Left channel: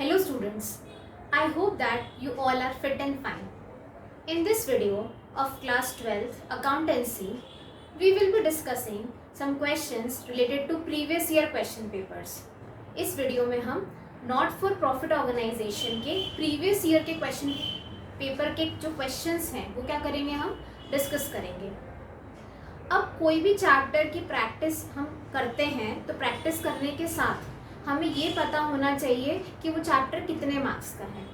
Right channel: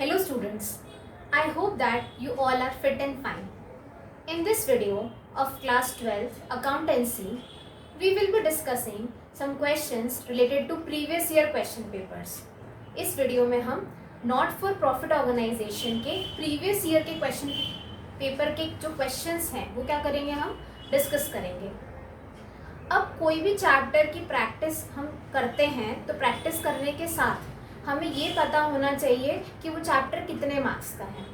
Hello students, I hope that you all are fit and fine. In this video of class 12 accountancy, we will be discussing some questions related to previous year question papers. इस video में हम not for profit organization के previous year के question paper के जो questions हैं वो क्या करेंगे, हम डिस्कस करेंगे. अब कोई भी चैप्टर की प्रैक्टिस हम करते हैं तो प्रैक्टिस करने के साथ हमें ये पता होना चाहिए कि वो चैप्टर कितने मार्क्स का है.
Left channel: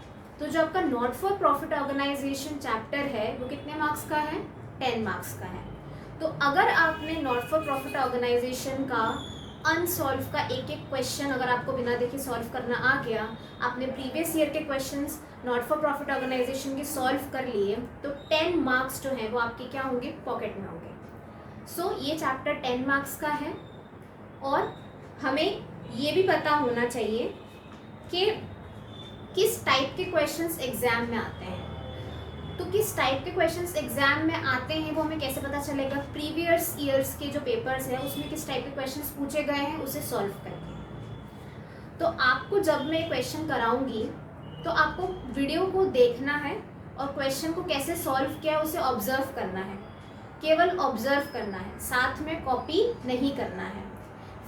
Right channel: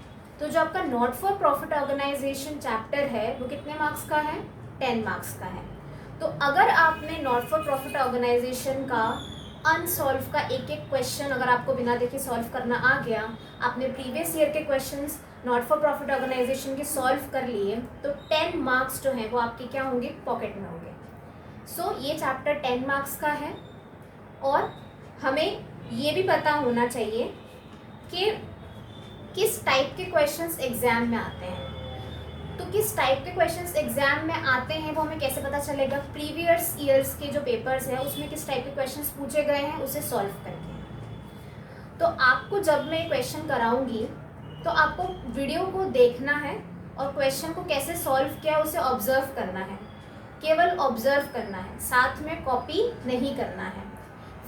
तो जो आपका not for profit organization chapter है वो कितने मार्क्स का है, 10 मार्क्स का है. तो अगर आपने नॉट फॉर प्रॉफिट ऑर्गेनाइजेशन का अनसॉल्व का एक एक क्वेश्चन अगर आपको बिना देखे सॉल्व करना आ गया, आपने प्रीवियस ईयर के questions not for profit organization के सॉल्व कर लिए, तो 10 मार्क्स जो हैं वो आपके क्या होंगे, पॉकेट में होंगे. सो ये चैप्टर 10 मार्क्स का है. और हमें ये भी पता होना चाहिए कि किस टाइप के क्वेश्चंस एग्जाम में आते हैं. तो किस टाइप के क्वेश्चंस एग्जाम में आते हैं वो हमें कैसे पता चलेगा, प्रीवियस ईयर्स के जो पेपर्स हैं उसमें किस टाइप के क्वेश्चंस पूछे गए हैं उसे सॉल्व करके. तो आपको जब मैं क्वेश्चन कराऊंगी तो आपको वीडियो को देखना है और क्वेश्चन को कैसे सॉल्व किया उसे ऑब्जर्व करना है. केवल ऑब्जर्व करना है, साथ में कॉपी नहीं करना है.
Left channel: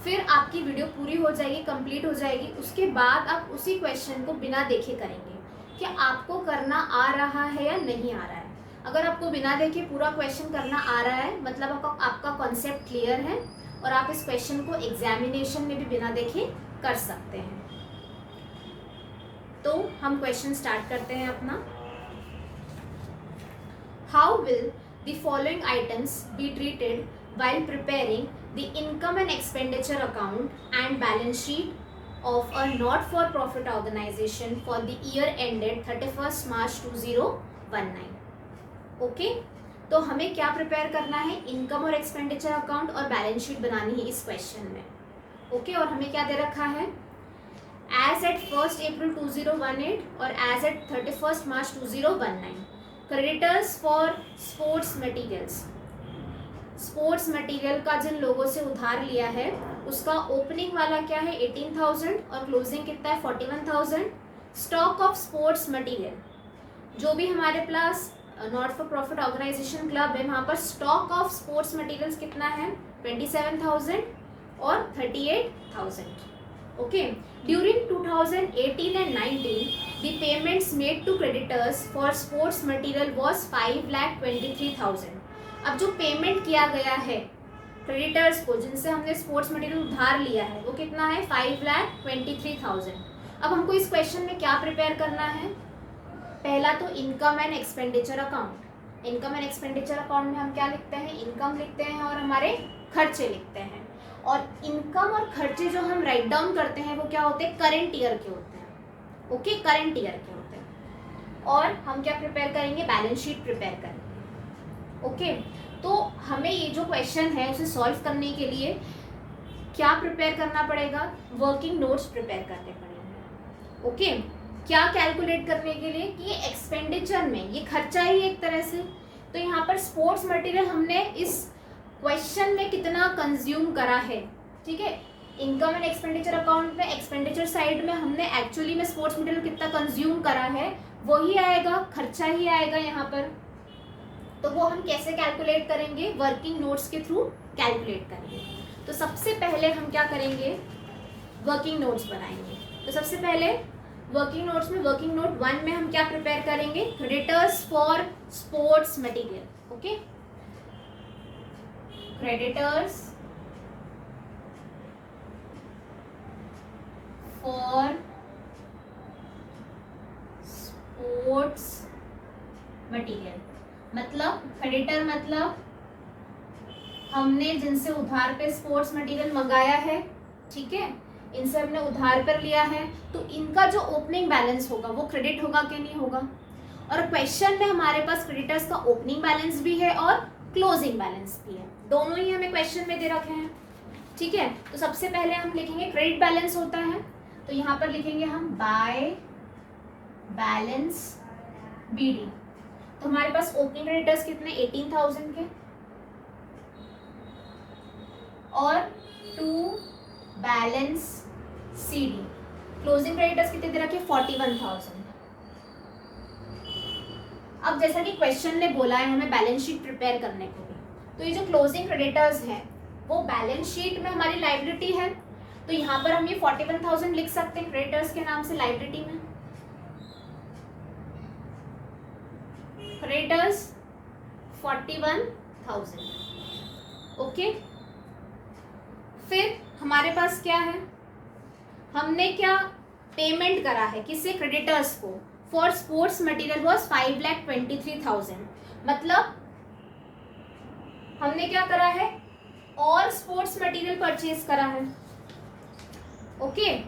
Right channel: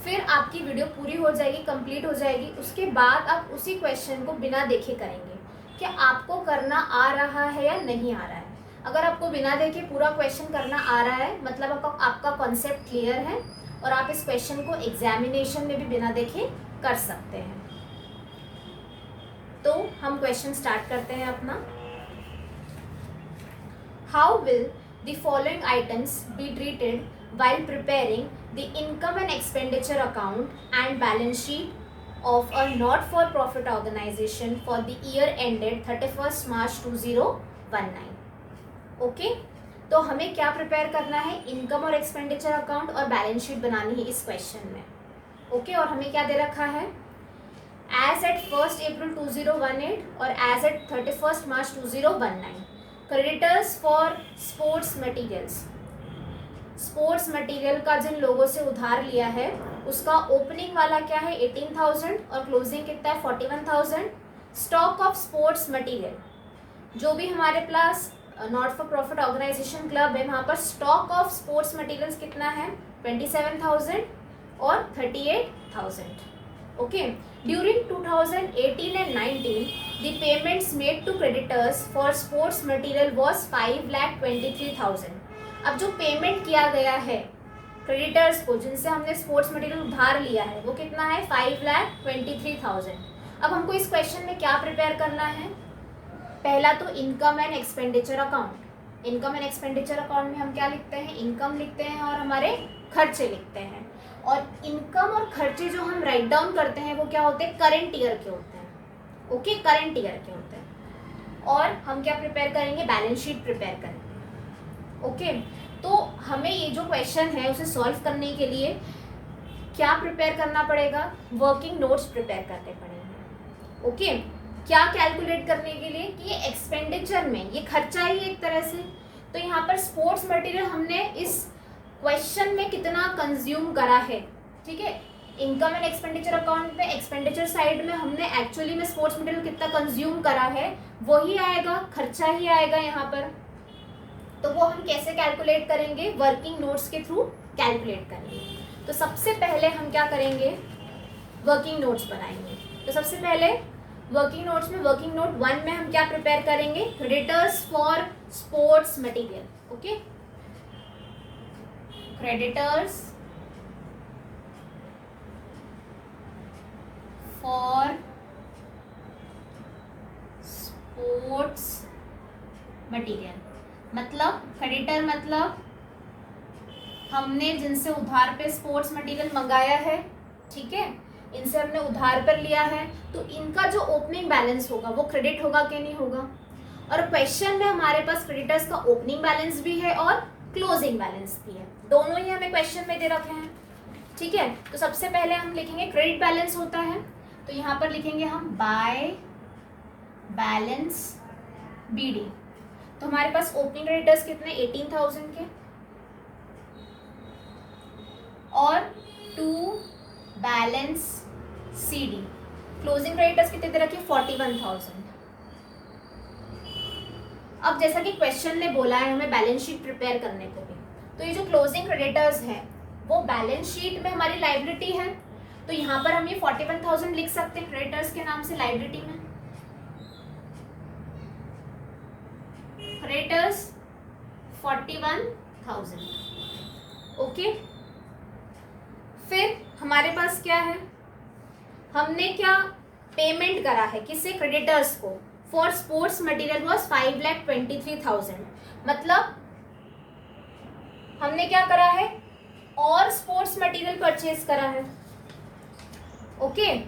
फिर आपकी वीडियो पूरी हो जाएगी, कंप्लीट हो जाएगी. उसके बाद आप उसी क्वेश्चन को बिना देखे करेंगे कि आपको करना आ रहा है या नहीं आ रहा है. अगर आपको बिना देखे पूरा क्वेश्चन करना आ रहा है मतलब आपका कॉन्सेप्ट क्लियर है और आप इस क्वेश्चन को एग्जामिनेशन में भी बिना देखे कर सकते हैं. तो हम क्वेश्चन स्टार्ट करते हैं अपना. How will the following items be treated while preparing the income and expenditure account and balance sheet of a not-for-profit organization for the year ended 31st March 2019. Okay, तो हमें क्या प्रिपेयर करना है, income और expenditure account और balance sheet बनानी है इस क्वेश्चन में. ओके, और हमें क्या दे रखा है, एज एट 1st April 2018 और as at 31st March 2019. Creditors for sports materials. Sports material का जिन लोगों से उधार लिया है उसका ओपनिंग वाला क्या है, 18,000 और क्लोजिंग कितना है, 41,000. स्टॉक ऑफ स्पोर्ट्स मटेरियल, जो भी हमारे पास not for profit organisation club है वहाँ पर स्टॉक ऑफ स्पोर्ट्स मटेरियल्स कितना है, 27,000 और 38,000. Okay, during 2018 and 19 the payments made to creditors for sports material was 5,23,000. अब जो पेमेंट किया गया है क्रेडिटर्स को जिनसे हमने स्पोर्ट्स मटेरियल उधार लिया है वो कितना है, 5,23,000. अब हमको इस क्वेश्चन में क्या प्रिपेयर करना है, पहला तो income and expenditure account. Income and expenditure account में हम क्या लिखते हैं, इनकम लिखते हैं और हमारे खर्चे लिखते हैं. और इनकम और खर्चे जो हम राइट डाउन करते हैं वो क्या होते हैं, करंट ईयर के होते हैं. ओके, करंट ईयर के होते हैं. और हम क्या प्रिपेयर करेंगे, बैलेंस शीट प्रिपेयर करेंगे. ओके, तो हमें ये जो क्वेश्चन है उसे सॉल्व करने के लिए क्या प्रिपेयर करना पड़ेगा, वर्किंग नोट्स प्रिपेयर करने पड़ेंगे. ओके, क्या कैलकुलेट करने के लिए कि ये एक्सपेंडिचर में ये खर्चा ही एक तरह से. तो यहाँ पर स्पोर्ट्स मटेरियल हमने इस क्वेश्चन में कितना कंज्यूम करा है, ठीक है. इनकम एंड एक्सपेंडिचर अकाउंट में एक्सपेंडिचर साइड में हमने एक्चुअली में स्पोर्ट्स मटेरियल कितना कंज्यूम करा है वही आएगा, खर्चा ही आएगा यहाँ पर. तो वो हम कैसे कैलकुलेट करेंगे, वर्किंग नोट्स के थ्रू कैलकुलेट करेंगे. तो सबसे पहले हम क्या करेंगे, वर्किंग नोट्स बनाएंगे. तो सबसे पहले वर्किंग नोट्स में वर्किंग नोट 1 में हम क्या प्रिपेयर करेंगे, creditors for sports material. Okay, creditors for sports material. मतलब क्रेडिटर मतलब हमने जिनसे उधार पे स्पोर्ट्स मटेरियल मंगाया है, ठीक है, इनसे हमने उधार पर लिया है तो इनका जो ओपनिंग बैलेंस होगा वो क्रेडिट होगा कि नहीं होगा. और क्वेश्चन में हमारे पास क्रेडिटर्स का ओपनिंग बैलेंस भी है और क्लोजिंग बैलेंस भी है, दोनों ही हमें क्वेश्चन में दे रखे हैं, ठीक है. तो सबसे पहले हम लिखेंगे क्रेडिट बैलेंस होता है तो यहाँ पर लिखेंगे हम बाय बैलेंस बीडी. तो हमारे पास ओपनिंग क्रेडिटर्स कितने, 18,000 के और to balance CD. Closing creditors कितने दे रखे? 41,000। अब जैसा कि क्वेश्चन में बोला है हमें बैलेंस शीट प्रिपेयर करने को भी, तो ये जो क्लोजिंग क्रेडिटर्स है वो बैलेंस शीट में हमारी लाइबिलिटी है, तो यहाँ पर हम ये 41,000 लिख सकते हैं क्रेडिटर्स के नाम से लाइबिलिटी में। क्रेडिटर्स 41,000। ओके, फिर हमारे पास क्या है, हमने क्या पेमेंट करा है किससे? क्रेडिटर्स को। For sports material was 5,23,000। मतलब हमने क्या करा है? और स्पोर्ट्स मटेरियल परचेज करा है। ओके,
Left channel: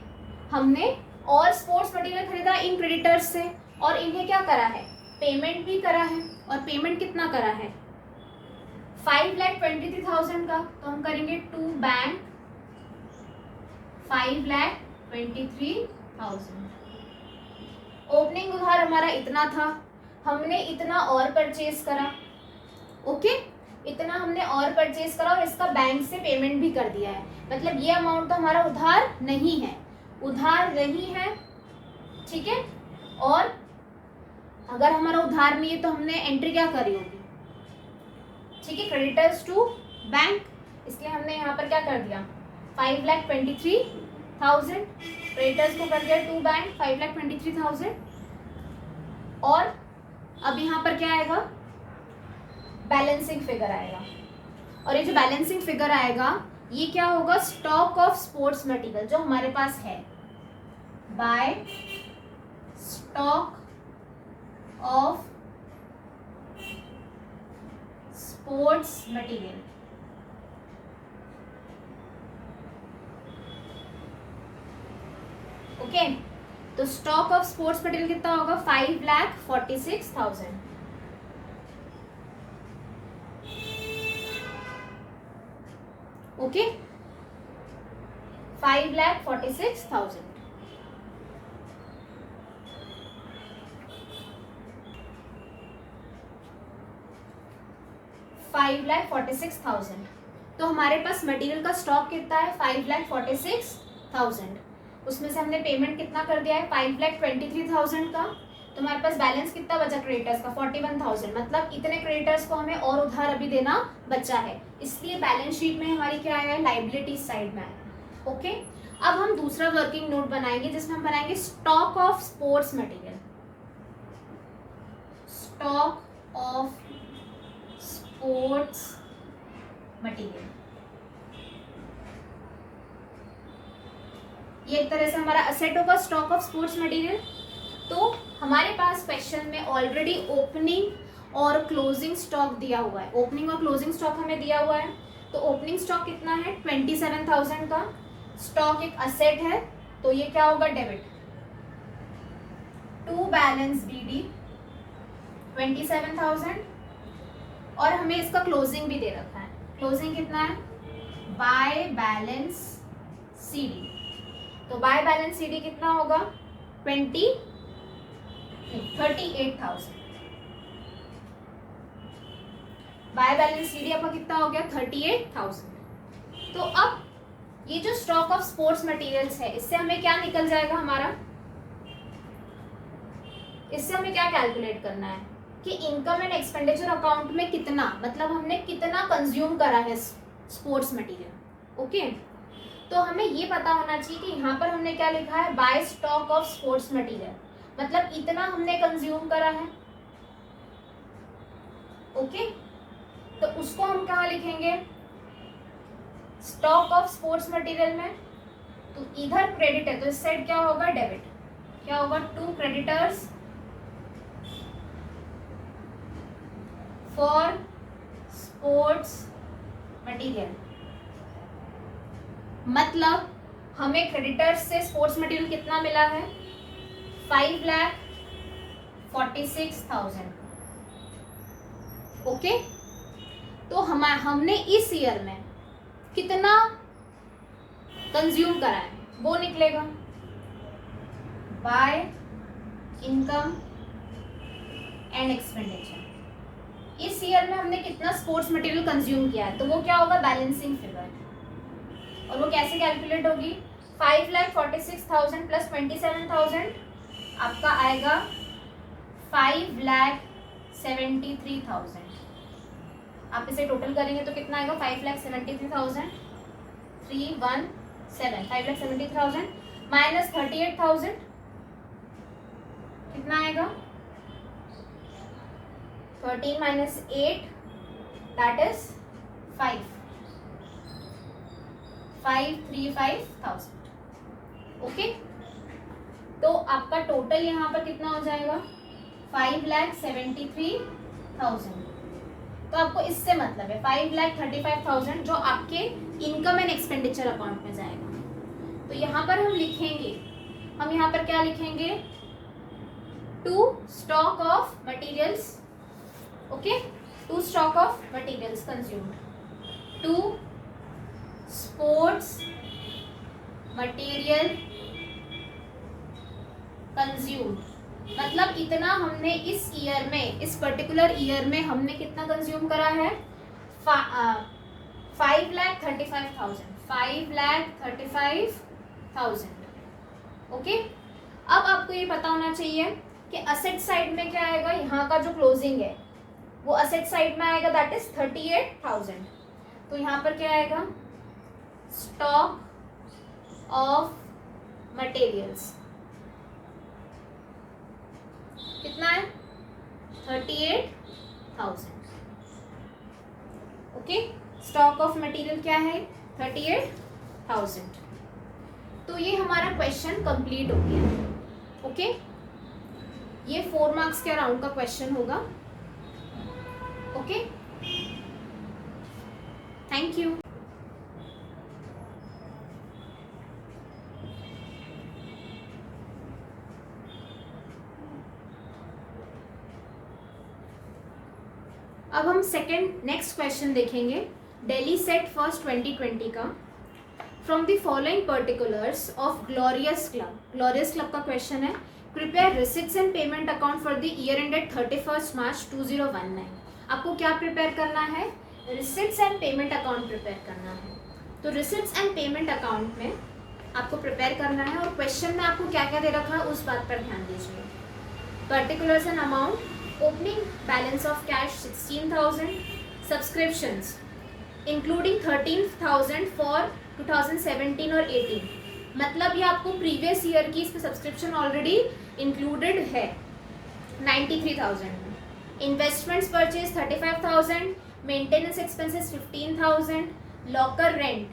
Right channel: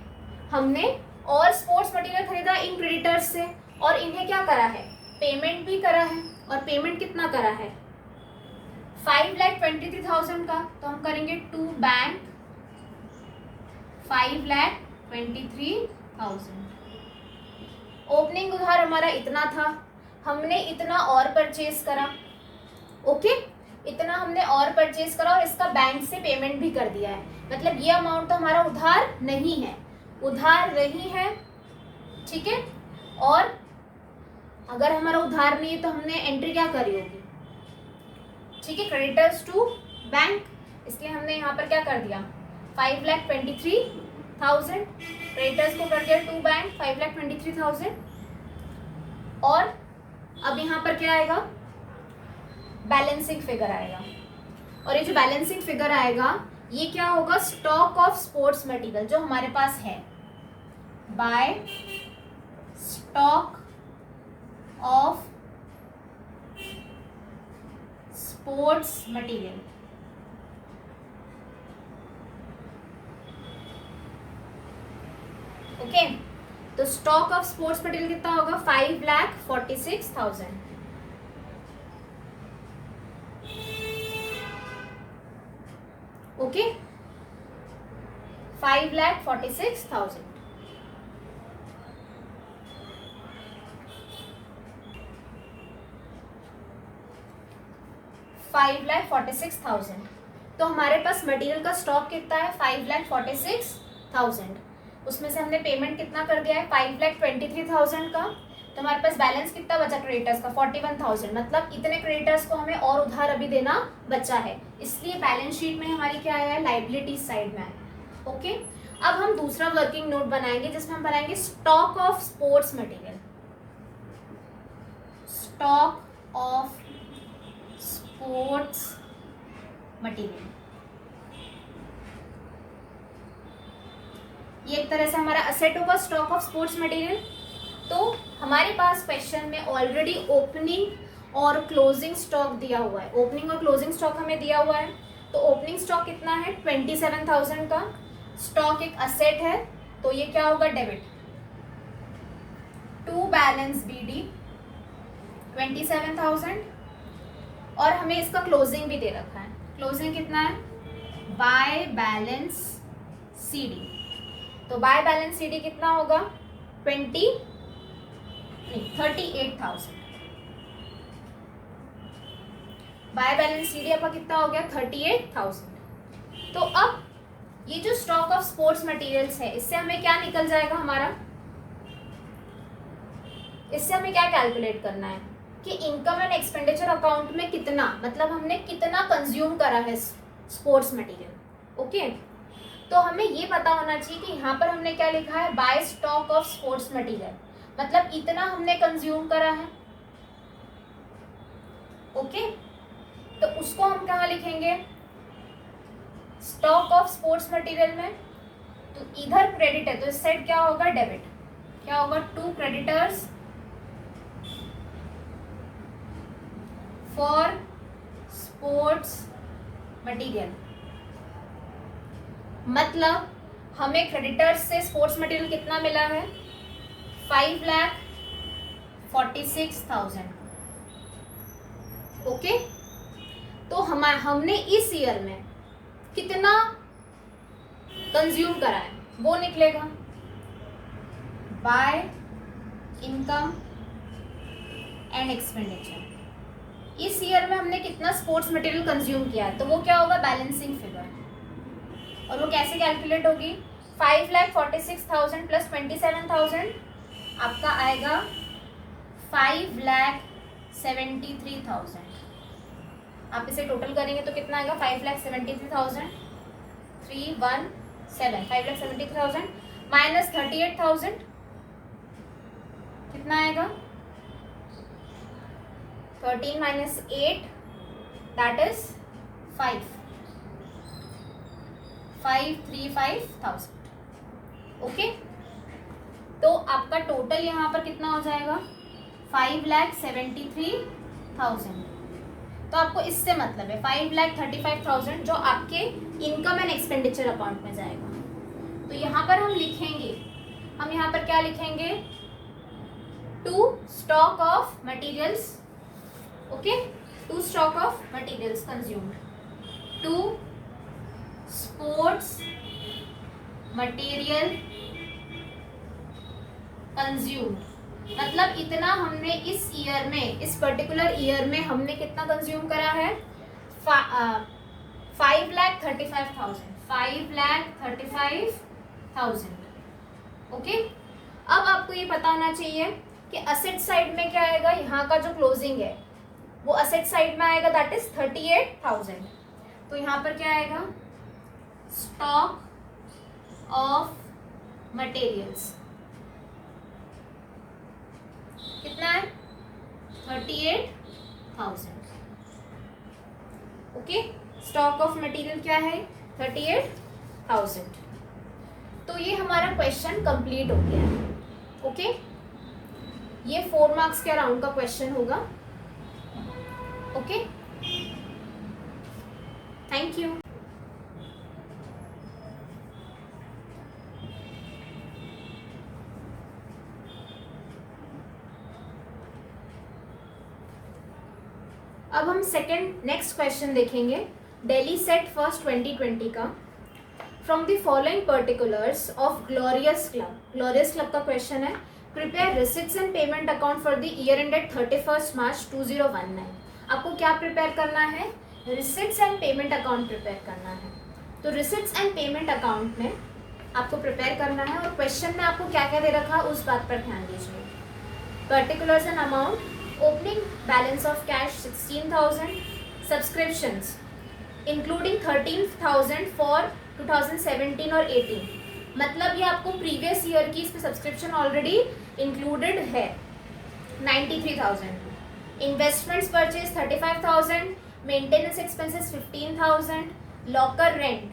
हमने और स्पोर्ट्स मटेरियल खरीदा इन क्रेडिटर्स से, और इन्हें क्या करा है? पेमेंट भी करा है। और पेमेंट कितना करा है? 5,23,000 का। तो हम करेंगे टू बैंक 5,23,000। ओपनिंग उधार हमारा इतना था, हमने इतना और परचेज करा। ओके, इतना हमने और परचेज करा और इसका बैंक से पेमेंट भी कर दिया है। मतलब ये अमाउंट तो हमारा उधार नहीं है, उधार नहीं है, ठीक है। और अगर हमारा उधार नहीं है तो हमने एंट्री क्या करी होगी? ठीक है, क्रेडिटर्स टू बैंक, इसलिए हमने यहाँ पर क्या कर दिया? 5,23,000 क्रेडिटर्स को कर दिया टू बैंक 5,23,000। और अब यहाँ पर क्या आएगा? बैलेंसिंग फिगर आएगा। और ये जो बैलेंसिंग फिगर आएगा ये क्या होगा? स्टॉक ऑफ स्पोर्ट्स मटेरियल जो हमारे पास है, by stock of sports material. Okay, तो स्टॉक ऑफ स्पोर्ट्स मटेरियल कितना होगा? 5,46,000। ओके, 5,46,000। तो हमारे पास मटेरियल का स्टॉक कितना है? 5,46,000। उसमें से हमने पेमेंट कितना कर दिया है? 5,23,000 का। तो हमारे पास बैलेंस कितना बचा क्रेडिटर्स का? 41,000। मतलब इतने क्रेडिटर्स को हमें और उधार अभी देना बचा है, इसलिए बैलेंस शीट में हमारी क्या है? लाइबिलिटी साइड में है। ओके, अब हम दूसरा वर्किंग नोट बनाएंगे जिसमें हम बनाएंगे stock of sports material. Stock of sports material, ये एक तरह से हमारा असेट होगा स्टॉक ऑफ स्पोर्ट्स मटेरियल। तो हमारे पास क्वेश्चन में ऑलरेडी ओपनिंग और क्लोजिंग स्टॉक दिया हुआ है, ओपनिंग और क्लोजिंग स्टॉक हमें दिया हुआ है। तो ओपनिंग स्टॉक कितना है? 27,000 का। स्टॉक एक असेट है तो ये क्या होगा? Debit to balance BD 27,000। और हमें इसका क्लोजिंग भी दे रखा है। क्लोजिंग कितना है? By balance CD। तो बाय बैलेंस CD कितना होगा? 38,000। बाय बैलेंस CD आपका कितना हो गया? 38,000। तो अब ये जो स्टॉक ऑफ स्पोर्ट्स मटेरियल्स है इससे हमें क्या निकल जाएगा हमारा? इससे हमें क्या कैलकुलेट करना है कि इनकम एंड एक्सपेंडिचर अकाउंट में कितना, मतलब हमने कितना कंज्यूम करा है स्पोर्ट्स मटेरियल। ओके, तो हमें ये पता होना चाहिए कि यहाँ पर हमने क्या लिखा है? By stock of sports material, मतलब इतना हमने कंज्यूम करा है। ओके, तो उसको हम कहाँ लिखेंगे? स्टॉक ऑफ स्पोर्ट्स मटेरियल में। तो इधर क्रेडिट है तो इस साइड क्या होगा? डेबिट। क्या होगा? To creditors for sports material. मतलब हमें क्रेडिटर्स से स्पोर्ट्स मटेरियल कितना मिला है? 5,46,000। ओके, तो हमने इस ईयर में कितना कंज्यूम करा है वो निकलेगा बाय इनकम एंड एक्सपेंडिचर। इस ईयर में हमने कितना स्पोर्ट्स मटेरियल कंज्यूम किया है तो वो क्या होगा? Balancing figure. और वो कैसे कैलकुलेट होगी? 5,46,000 प्लस 27,000 आपका आएगा 5,73,000। आप इसे टोटल करेंगे तो कितना आएगा 5,73,317 5,73,000 माइनस 38,000 कितना आएगा 13 माइनस 8 दैट इज 5,35,000। ओके, तो आपका टोटल यहाँ पर कितना हो जाएगा 5,73,000। तो आपको इससे मतलब है 5,35,000 जो आपके इनकम एंड एक्सपेंडिचर अकाउंट में जाएगा। तो यहाँ पर हम लिखेंगे, हम यहाँ पर क्या लिखेंगे, to stock of materials, okay, to stock of materials consumed, to sports material consumed, मतलब इतना हमने इस ईयर में, इस पर्टिकुलर ईयर में हमने कितना कंज्यूम करा है 5,35,000। ओके, अब आपको ये पता होना चाहिए कि असेट साइड में क्या आएगा, यहाँ का जो क्लोजिंग है वो असेट साइड में आएगा दैट इज 38,000। तो यहाँ पर क्या आएगा स्टॉक ऑफ मटेरियल्स कितना है 38,000। ओके, स्टॉक ऑफ मटेरियल क्या है 38,000। तो ये हमारा क्वेश्चन कंप्लीट हो गया है। ओके, ये 4 मार्क्स के अराउंड का क्वेश्चन होगा। Okay, thank you. अब हम सेकंड नेक्स्ट क्वेश्चन देखेंगे दिल्ली सेट फर्स्ट 2020 का। From the following particulars of glorious club, glorious club का क्वेश्चन है, prepare receipts and payment account for the year ended 31 मार्च 2019। आपको क्या प्रिपेयर करना है, receipts and payment account prepare करना है। तो रिसिट्स एंड पेमेंट अकाउंट में आपको प्रिपेयर करना है, और क्वेश्चन में आपको क्या क्या दे रखा है उस बात पर ध्यान दीजिए। Particulars and amount, opening balance of cash 16,000, subscriptions including 13,000 for 2017 और 18, मतलब ये आपको प्रीवियस ईयर की इस पे सब्सक्रिप्शन ऑलरेडी इंक्लूडेड है 93,000, investments purchase 35,000, maintenance expenses 15,000, locker rent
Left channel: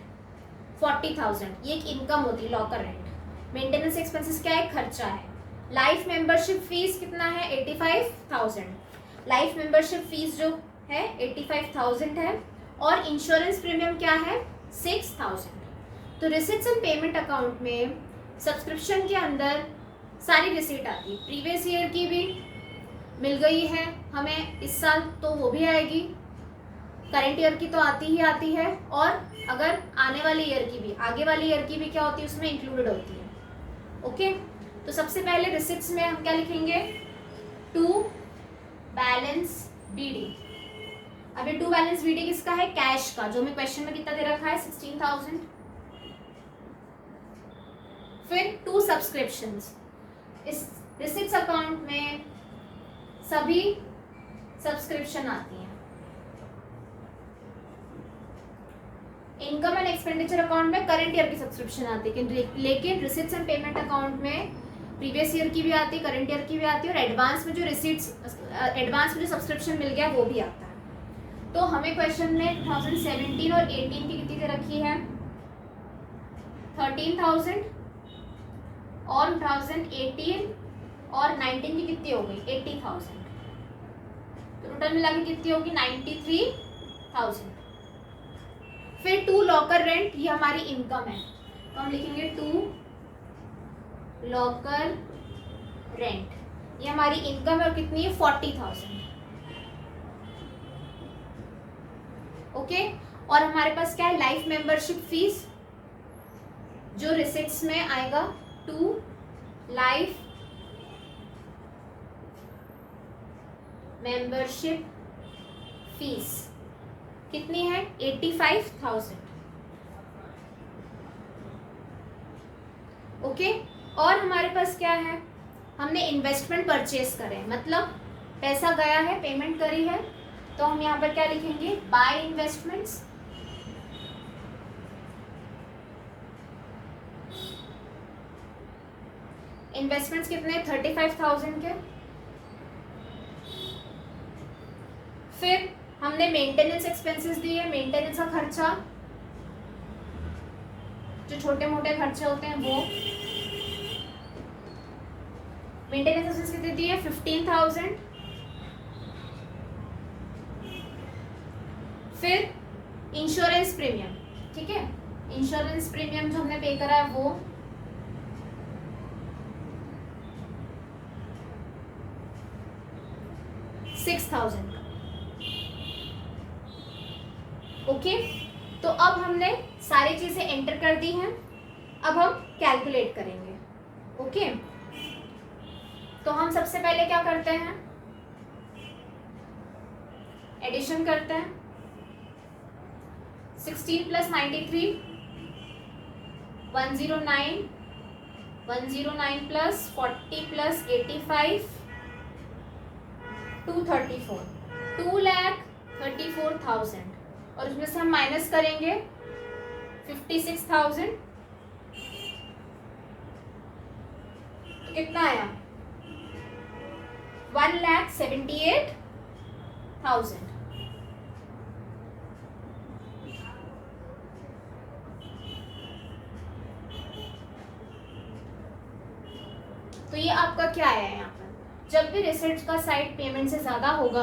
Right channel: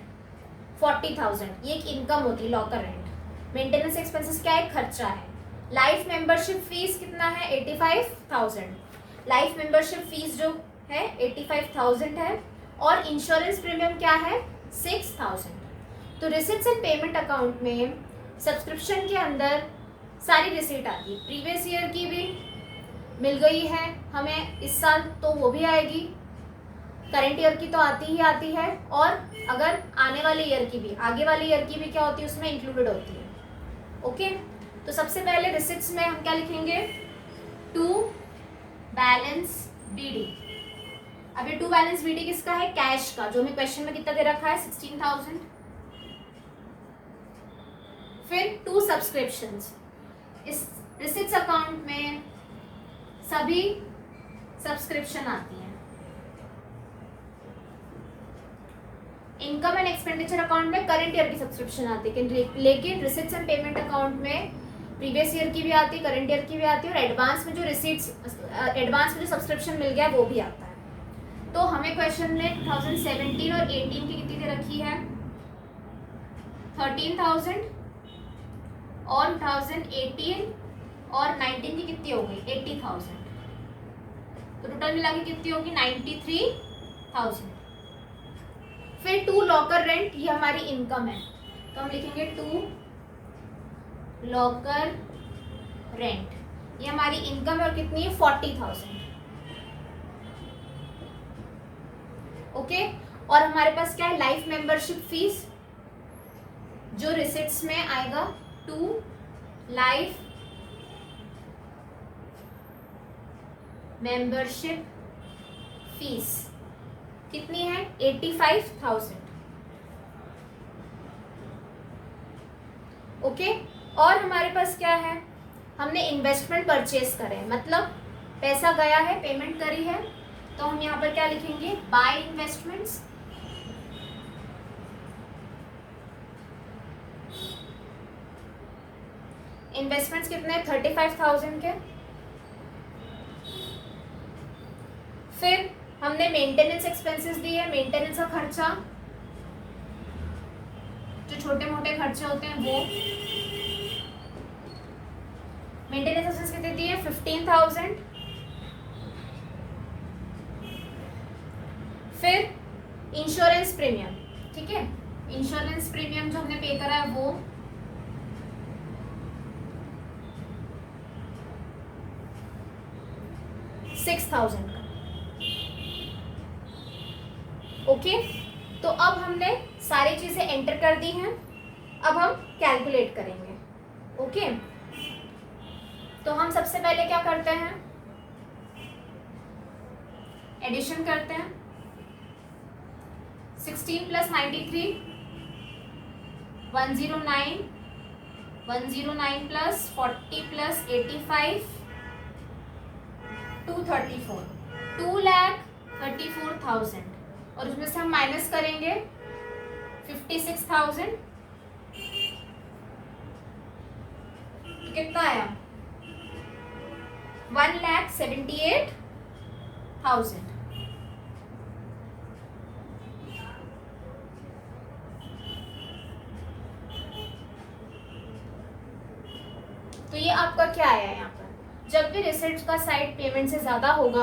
40,000, ये एक इनकम होती है लॉकर रेंट। मेंटेनेंस एक्सपेंसेस क्या है, खर्चा है। लाइफ मेंबरशिप फीस कितना है 85,000, लाइफ मेंबरशिप फीस जो है 85,000 है, और इंश्योरेंस प्रीमियम क्या है 6,000। तो रिसिट्स एंड पेमेंट अकाउंट में सब्सक्रिप्शन के अंदर सारी रिसीट आती है, प्रीवियस ईयर की भी मिल गई है हमें इस साल, तो वो भी आएगी, करंट ईयर की तो आती ही आती है, और अगर आने वाले ईयर की भी, आगे वाले ईयर की भी क्या होती है उसमें इंक्लूडेड होती है। ओके, तो सबसे पहले रिसिट्स में हम क्या लिखेंगे, टू बैलेंस बीडी। अभी टू बैलेंस बीडी किसका है, कैश का, जो हमें क्वेश्चन में कितना दे रखा है 16,000। फिर टू सब्सक्रिप्शंस, इस रिसिट्स अकाउंट में सभी सब्सक्रिप्शन आती हैं। इनकम एंड एक्सपेंडिचर अकाउंट में करंट ईयर की सब्सक्रिप्शन आती है, लेकिन रिसिट्स एंड पेमेंट अकाउंट में प्रीवियस ईयर की भी आती है, करंट ईयर की भी आती है, और एडवांस में जो रिसिट्स, एडवांस में जो सब्सक्रिप्शन मिल गया वो भी आता है। तो हमें क्वेश्चन में 2017 और 18 की कितनी दे रखी है 13,000, और 2018 और 19 की कितनी हो गई 80,000, तो टोटल मिला के कितनी होगी 93,000। फिर टू लॉकर रेंट, ये हमारी इनकम है, तो हम लिखेंगे टू लॉकर रेंट, ये हमारी इनकम है, और कितनी है 40,000। ओके, और हमारे पास क्या है लाइफ मेंबरशिप फीस, जो रिसिट्स में आएगा, टू लाइफ मेंबरशिप फीस कितनी है 85,000। ओके। और हमारे पास क्या है, हमने इन्वेस्टमेंट परचेज करे, मतलब पैसा गया है, पेमेंट करी है, तो हम यहाँ पर क्या लिखेंगे, बाय इन्वेस्टमेंट्स। इन्वेस्टमेंट्स कितने, 35,000 के। फिर हमने मेंटेनेंस एक्सपेंसेस दी है, मेंटेनेंस का खर्चा, जो छोटे मोटे खर्चे होते हैं वो। मेंटेनेंस एक्सपेंस कितनी दी है, 15,000। फिर इंश्योरेंस प्रीमियम, ठीक है, इंश्योरेंस प्रीमियम जो हमने पे करा है वो, $6,000 का। ओके, तो अब हमने सारी चीजें एंटर कर दी हैं, अब हम कैलकुलेट करेंगे। ओके, तो हम सबसे पहले क्या करते हैं, एडिशन करते हैं। 16 + 93 109, 109 + 40 + 85 234, 2,34,000, और उसमें से हम माइनस करेंगे 56,000, तो कितना आया, 1,78,000। तो ये आपका क्या आया यहाँ पर, जब भी रिसिप्ट का साइड पेमेंट से ज्यादा होगा,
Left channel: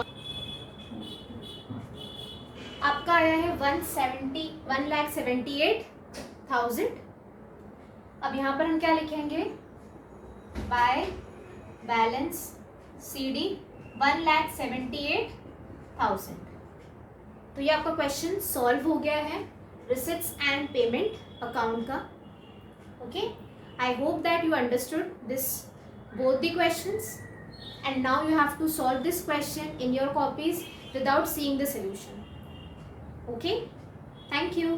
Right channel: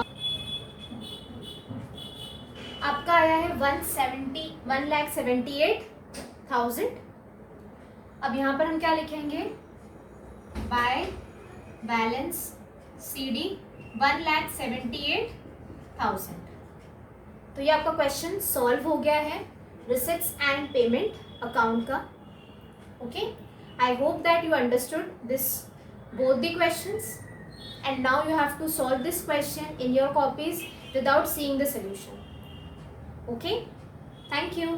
आपका आया है 1,78,000। अब यहाँ पर हम क्या लिखेंगे, बाय बैलेंस CD 1,78,000। तो ये आपका क्वेश्चन सॉल्व हो गया है रिसिप्ट्स एंड पेमेंट अकाउंट का। Okay, I hope that you understood this both the questions, and now you have to solve this question in your copies without seeing the solution. Okay, thank you.